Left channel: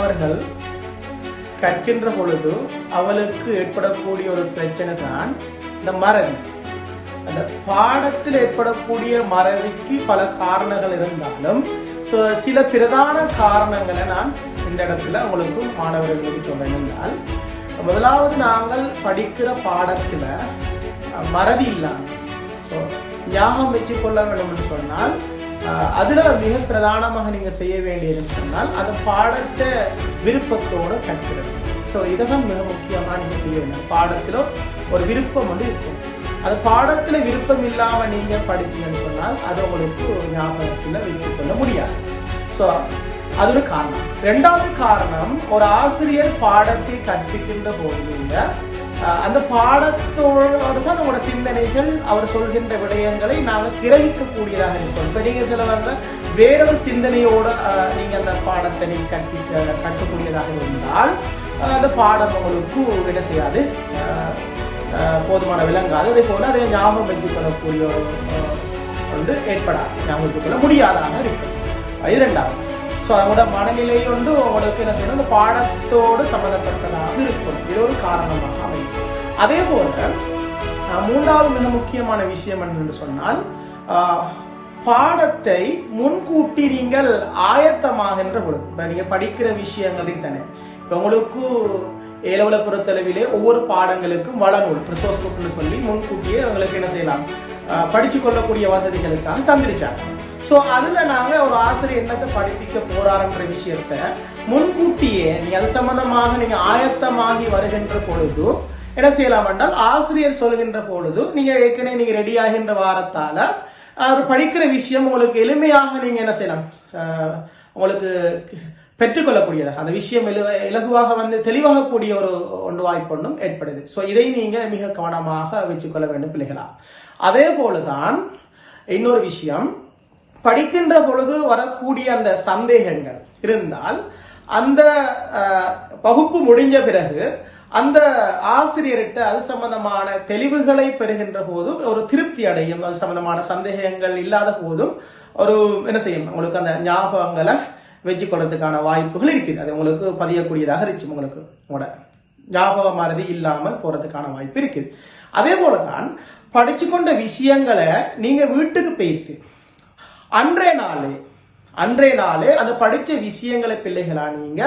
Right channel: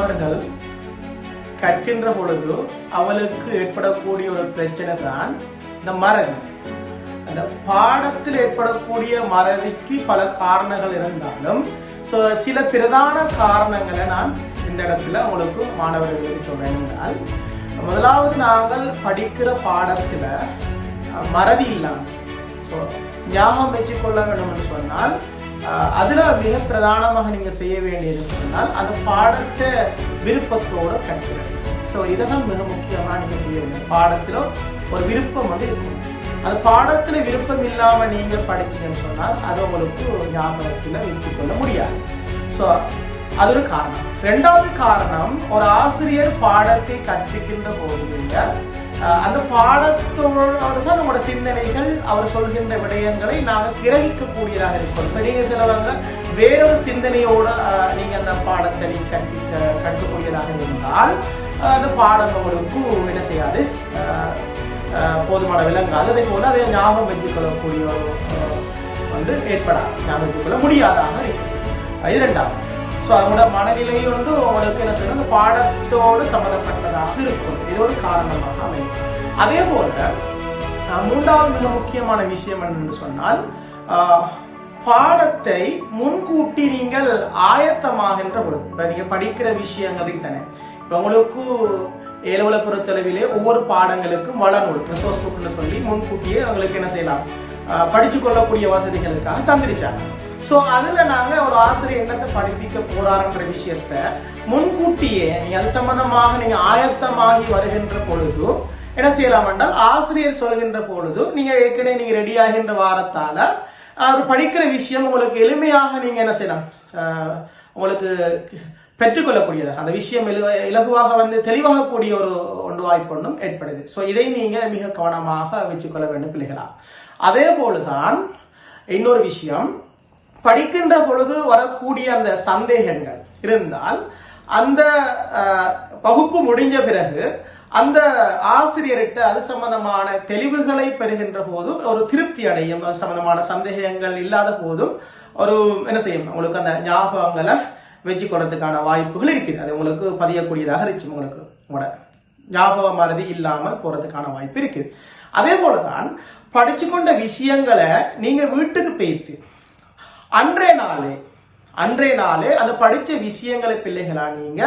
அவர்கள் கற்கின்ற பொழுது அவளுக்கு ஏற்படக்கூடிய ஒரு பிரச்சனை தான் இந்த மறதி. அந்த பாடத்தில் ஏற்படக்கூடிய மறதிக்கு பல காரணங்கள் இருந்தாலும் சில பிரதான காரணங்களை நான் இந்த இடத்துல உங்களுக்கு மாணவர்களுக்கு சொல்றேன் என்றால், முதலாவது நாங்கள் படிக்கிற பாடத்துல மறதி இல்லாமல் ஞாபகம் வச்சுக்கொள்ள வேண்டும் என்று சொன்னால், அதுல மிக பிரதானமாக நீங்க செய்ய வேண்டியதுன்னு சொன்னால் அந்த பாடத்தை விருப்பத்தோடு கற்கிறது. இதைதான் மிக முக்கியமா நீங்க செய்ய வேண்டும். பாடத்துல ஒரு விருப்பம் வந்து இருக்கும். அது பாடத்துல விருப்பம் இல்லாம நீங்க படிச்சீங்கன்னு சொன்னால் அது உங்களுக்கு ஞாபகத்துல வைத்துக் கொள்ள முடியாது. அது ஒரு காரணம். இரண்டாவது காரணம், ஒரு ஆசிரியர் பாடத்தை கற்பிக்கின்ற போது அந்த பாடத்தோடு தான் உங்களோட சிந்தனைகள் அவர் சொல்கின்ற விடயங்களை நாங்கள் கிரகிக்கக்கூடியதாக இருக்கும். இப்போ நீங்கள் சிலவங்க வேறொரு சிந்தனையோடு நீங்கள் அந்த பாடத்தை நீங்கள் கற்கக்கூடியதாக இருந்தால் அந்த பாடம் உங்களுக்கு என்ன செய்யாது, போதுமான விளங்காது. அதே போல் அதை ஞாபகம் வச்சுக்கொள்ளக்கூடிய ஒன்று ஏற்படாது, ஞாபகம் வச்சுக்கொள்ள முடியாதாக இருக்கும். இது இரண்டாவது. அவங்களோட மனநிலை வந்து உங்களுக்கு என்ன செய்யணும், அந்த பாடத்தோடு சம்மந்தப்பட்டதாக இருக்கும். இது ஒரு காரணமாக அமையும். அதே போல மூன்றாவது மிக முக்கியமான விஷயம் என்னென்று சொன்னால், பாடத்தை முன்கூட்டி நீங்கள் ஆயத்தமாகின்ற பொழுது, இப்போ நீங்கள் படிக்கிற விஷயங்களுக்கு தானே, இப்போ உங்களுக்கு ஏலவலை பொறுத்தளவிலே ஒவ்வொரு பாடங்களுக்கும் வளநூல் ரிசோர்ஸ் புக்னு சொல்லி முன்கூட்டியே உங்களுக்கு என்ன செய்யலாம், படிச்சு கொள்ளக்கூடிய வசதிகளுக்காக தந்திரிச்சாங்க. அதுல நாங்க ஒரு ஆசிரியர் என்னத்தை படிப்பிக்க போறாருன்ற விஷயத்த முன்கூட்டியே நீங்க அது சம்பந்தமாக நீங்க ஆயத்தமாகி வருகின்ற பொழுது என்ன செய்யலாம் என்றால், ஆசிரியர் சொல்கின்ற பொழுது நீங்க ஏற்கனவே நீங்க ரெடி ஆகின்ற வாரத்தால அவர் படிக்கிற விஷயம் உங்களுக்கு எளிமையாக நீங்க என்ன செய்யலாம், உங்களுக்கு பெற்றுக்கொள்ளக்கூடியதாக அந்த விஷயம் இலகுவாக வந்து தெளிவாக கூடிய ஒரு வாய்ப்பு ஒன்றும் ஏற்படுது. இதை நீங்க மிக கவனமாக வச்சுக்கொள்ள வேண்டும் பிள்ளைகளா. அதே போலதான் இன்னொரு விஷயம், படிக்கின்ற பொழுது வரக்கூடிய அந்த சந்தேகங்கள் இருந்தால் அந்த வகுப்பு முடிஞ்ச பிறகு அந்த ஆசிரியர்கிட்ட அது சம்பந்தமான தெளிவுகளை பெறுகின்ற போதும் ஒரு திருப்தி அடையும். அது சம்பந்தமான சந்தேகங்கள் இல்லாத போதும் ஒரு என்ன செய்யும், உங்களுக்கு அந்த ஞாபகங்களை வச்சு கொள்றதுக்கான வாய்ப்புகள் இருக்குது. அது உங்களுக்கு பதியக்கூடியதாக இருந்துச்சு, உங்களுக்கு உங்களோட ஞாபக மறதி இல்லாமல் போறதுக்கான வாய்ப்பு இருக்குது. அதே போலதான் படிச்சு கொண்ட விஷயங்களை நீங்க வீட்டுக்கு போய்த்து அன்றைய நாளே அந்த படிச்ச விஷயங்களை பிள்ளைகளா நீங்க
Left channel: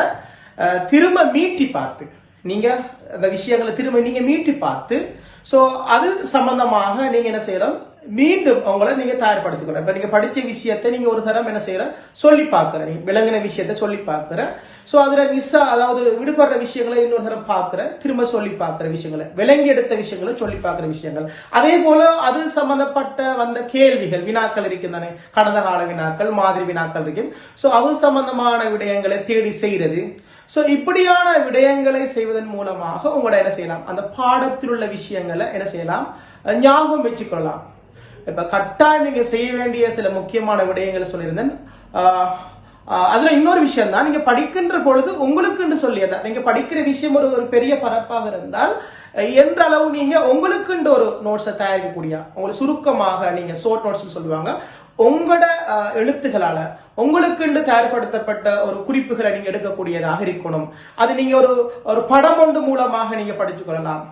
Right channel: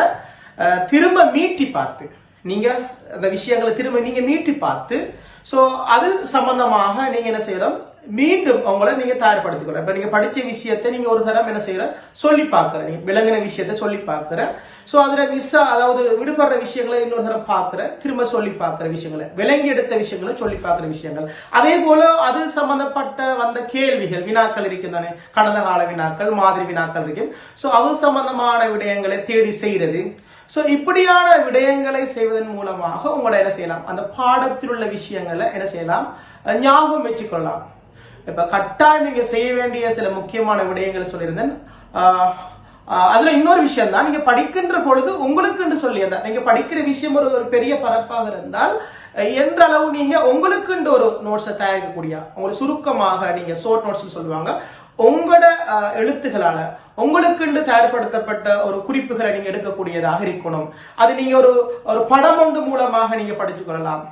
திரும்ப மீட்டி பார்த்து நீங்க அந்த விஷயங்களை திரும்ப நீங்க மீட்டி பார்த்து அது சம்பந்தமாக நீங்க என்ன செய்யலாம், மீண்டும் உங்களை நீங்க தயார்படுத்திக்கொள்ள. இப்ப நீங்க படிச்ச விஷயத்தை நீங்க ஒரு தரம் என்ன செய்யற சொல்லி பார்க்கிற, நீங்க விளங்கின விஷயத்த சொல்லி பார்க்கிற, அதுல அதாவது விடுபடுற விஷயங்களை இன்னொரு தரம் பார்க்கிற, திரும்ப சொல்லி பார்க்கிற விஷயங்களை, விளங்கி எடுத்த விஷயங்களை சொல்லி பார்க்கிற விஷயங்கள். அதே போல அது சம்பந்தப்பட்ட வந்த கேள்விகள் வினாக்கள் இருக்கும் தானே, கடந்த கால வினாக்கள், மாதிரி வினாக்கள் இருக்கும். அது சம்பந்தமான விடயங்களை தேடி செய்யறது. இப்படியான விடயங்களை செய்வதன் மூலமாக உங்களோட என்ன செய்யலாம், அந்த பாடத்தில் உள்ள விஷயங்களை என்ன செய்யலாம், ஞாபகம் வச்சுக்கொள்ளலாம். இப்ப கட்டாயம் நீங்க செய்ய வேண்டிய சில முக்கியமான விடயங்களை சொல்லியிருந்தேன். அதுல இன்னொரு விஷயம் தான், நீங்க படிக்கின்ற பொழுது உங்களுக்கு சொல்லி நீங்க படிக்கிற விஷயம் ஒரு பெரிய பரப்பாக இருந்தால் என்ற அளவு நீங்க உங்களுக்கு ஒரு நோட்ஸை தயாரிக்கக்கூடிய, உங்களுக்கு சுருக்கமாக நீங்க ஷார்ட் நோட்ஸ் சொல்லுவாங்க, உங்களோட எழுத்துக்களால உங்களுக்கு தயார்படுத்தப்பட்ட ஒரு குறிப்புகளை நீங்க எடுக்கக்கூடியதாக இருக்கணும். அது நீங்க ஒரு படம் ஒன்று மூலமாக நீங்க படிச்சு கொள்ளலாம்,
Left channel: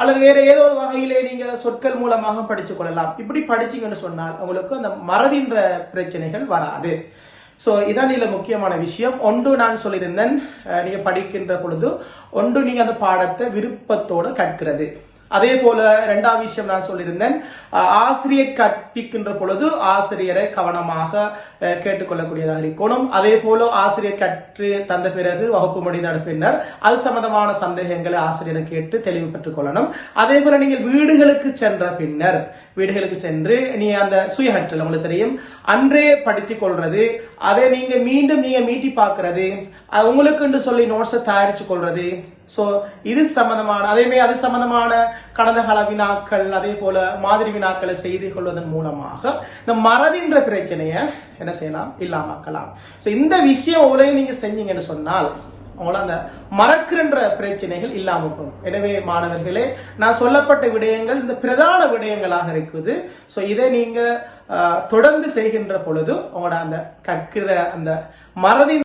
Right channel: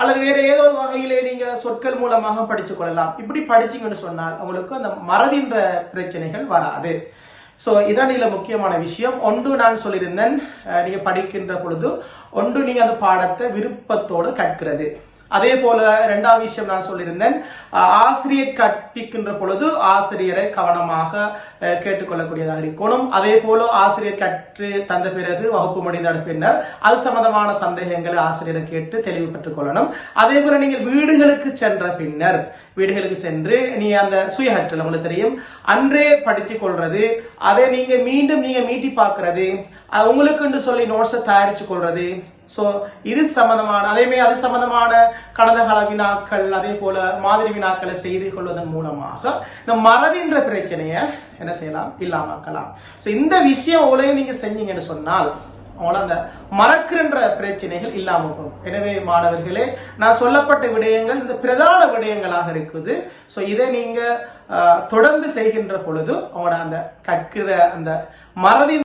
அல்லது வேற ஏதோ ஒரு வகையிலே நீங்க சொற்கள் மூலமாக படிச்சு கொள்ளலாம். இப்படி படிச்சீங்கன்னு சொன்னால் உங்களுக்கு அந்த மறதின்ற பிரச்சனைகள் வராது. இதான் இதுல முக்கியமான விஷயம். ஒன்று நான் சொல்லியிருந்தேன், நீங்க படிக்கின்ற பொழுது ஒன்று நீங்க அந்த பாடத்தை விருப்பத்தோடு கற்கிறது. அதே போல இரண்டாவது விஷயம் நான் சொல்லியிருந்தேன், ஆசிரியர் கற்பிக்கின்ற பொழுது ஆசிரியரை கவனமாக கேட்டுக்கொள்ளக்கூடியதாக இருக்கணும். அதே போல ஆசிரியர் கற்று தந்த பிறகு வகுப்பு முடிந்த பின்னர் அது சம்பந்தமான சந்தேகங்களை ஆசிரியரை கேட்டு தெளிவு பெற்றுக் கொள்ளணும். அதே போல நீங்கள் வீடுகளுக்கு சென்ற பின்னர் வீடுகளுக்கு சென்று நீ அந்த சுயகற்றல் உங்களுக்கு தெரியும், அன்றே படித்துக் கொள்றது, அதை நீங்க மீண்டும் நீங்க மீட்டி பார்க்கறது, உங்களுக்கு சொல்லி நோட்ஸை தயாரிச்சு கொள்றது. இது சம்பந்தமான அது சம்பந்தமான கடந்த கால வினாக்கள், அதே போல மாதிரி வினாக்களை செய்து கொள்வதன் மூலமாக இந்த மறதின்ற பிரச்சனையை என்ன செய்யலாம், இல்லாமக்கலாம். இந்த விஷயம் உலகம் நீங்க செஞ்சீங்கன்னு சொன்னால் அவங்கள அந்த மறக்கின்ற பிரச்சனைகள் இல்லாம போகும். எனவே மாணவர்களே, நான் சொல்லப்பட்ட விடயங்கள் இந்த பிரதான விடயங்களாக இருக்குது. இதை நீங்க தொடர்ந்து செய்கின்ற பொழுது உங்களோட அந்த கற்கிற அந்த மறதி